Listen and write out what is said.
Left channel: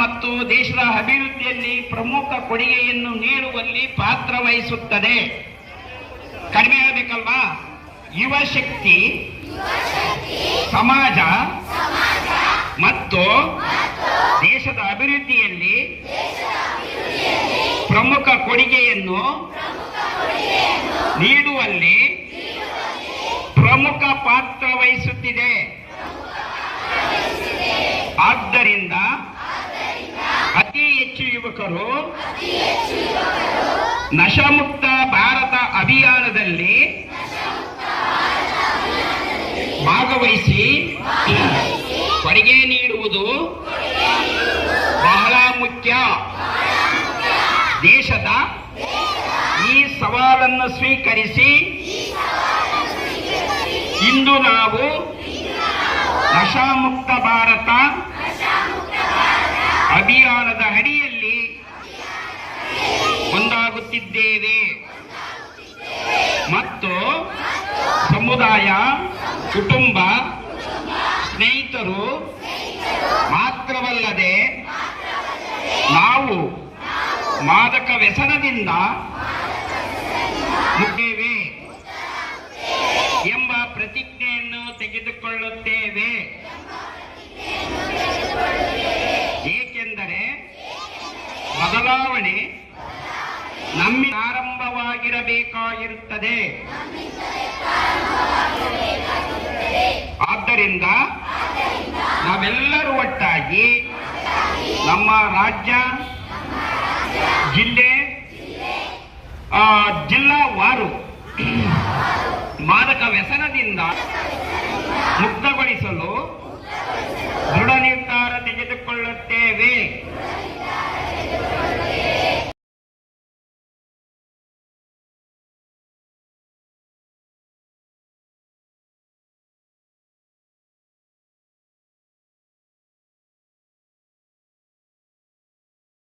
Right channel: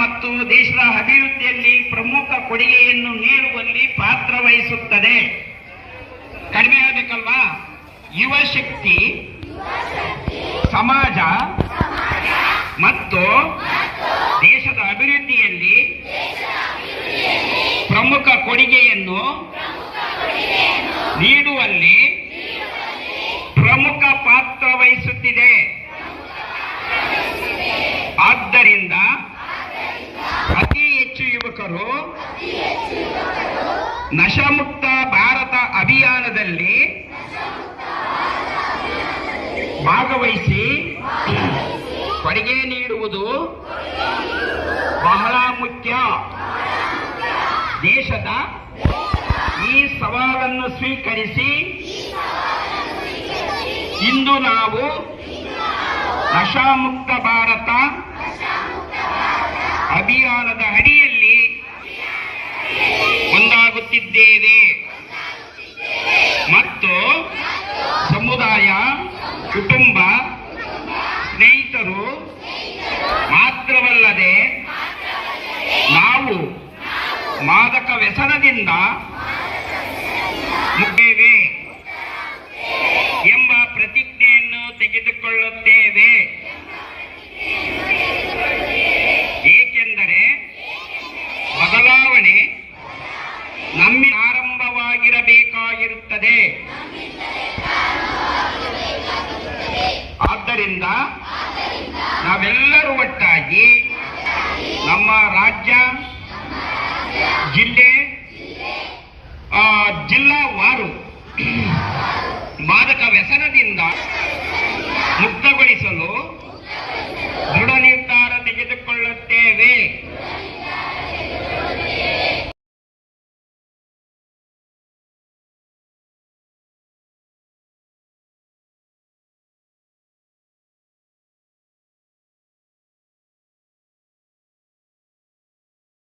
ಮತ್ತು ದೇಶದ ಅಭಿವೃದ್ಧಿಯಲ್ಲಿ ಪ್ರಮುಖ ಕೊಡುಗೆಯನ್ನು ನೀಡುವಲ್ಲಿ ಪಾತ್ರ ವಹಿಸುತ್ತದೆ. ಕಡಿಮೆ ಆಗಬೇಕಲ್ವಾ? ಯುವ ಶಕ್ತಿ, ಸಮಾಜ, ಮತ್ತು ದೇಶದ ಅಭಿವೃದ್ಧಿಯಲ್ಲಿ ಪ್ರಮುಖ ಕೊಡುಗೆಯನ್ನು ನೀಡುವಲ್ಲಿ ಪ್ರಮುಖ ಪಾತ್ರ ವಹಿಸುತ್ತಿದೆ. ಯುವಕರು ನಶಮುಕ್ತ ಭಾರತ ಅಭಿಯಾನದಲ್ಲಿ ಭಾಗವಹಿಸಿ ಕೊಡುಗೆ ನೀಡುವುದು ಬಹಳ ಮುಖ್ಯ. ದೇಶದ ಈ ಸವಾಲನ್ನು ಸ್ವೀಕರಿಸಿ ಇಂದು ನಾವು ನಶಾಮುಕ್ತ ಭಾರತ ಅಭಿಯಾನದ ಅಡಿಯಲ್ಲಿ ಒಂದಾಗುತ್ತಿದ್ದೇವೆ ಮತ್ತು ಸಮುದಾಯ ಕುಟುಂಬ ಸ್ನೇಹಿತರು ಮಾತ್ರವಲ್ಲದೆ ನಾವು ಮಾದಕ ವ್ಯಸನದಿಂದ ಮುದ್ದೇವೆ ಆರಂಭವಾಗಿರಬೇಕಾಗಿರುತ್ತದೆ ಆದ್ದರಿಂದ ನಾವೆಲ್ಲರೂ ಒಟ್ಟಾಗಿ ನಮ್ಮ ರಾಜ್ಯ ಜಿಲ್ಲೆ ಜಿಲ್ಲಾವಾರು ಮಾದಕ ವ್ಯಸನದಿಂದ ಮುಕ್ತಗೊಳಿಸಲು ದೃಢ ನಿರ್ಧಾರ ತೆಗೆದುಕೊಳ್ಳುತ್ತೇವೆ.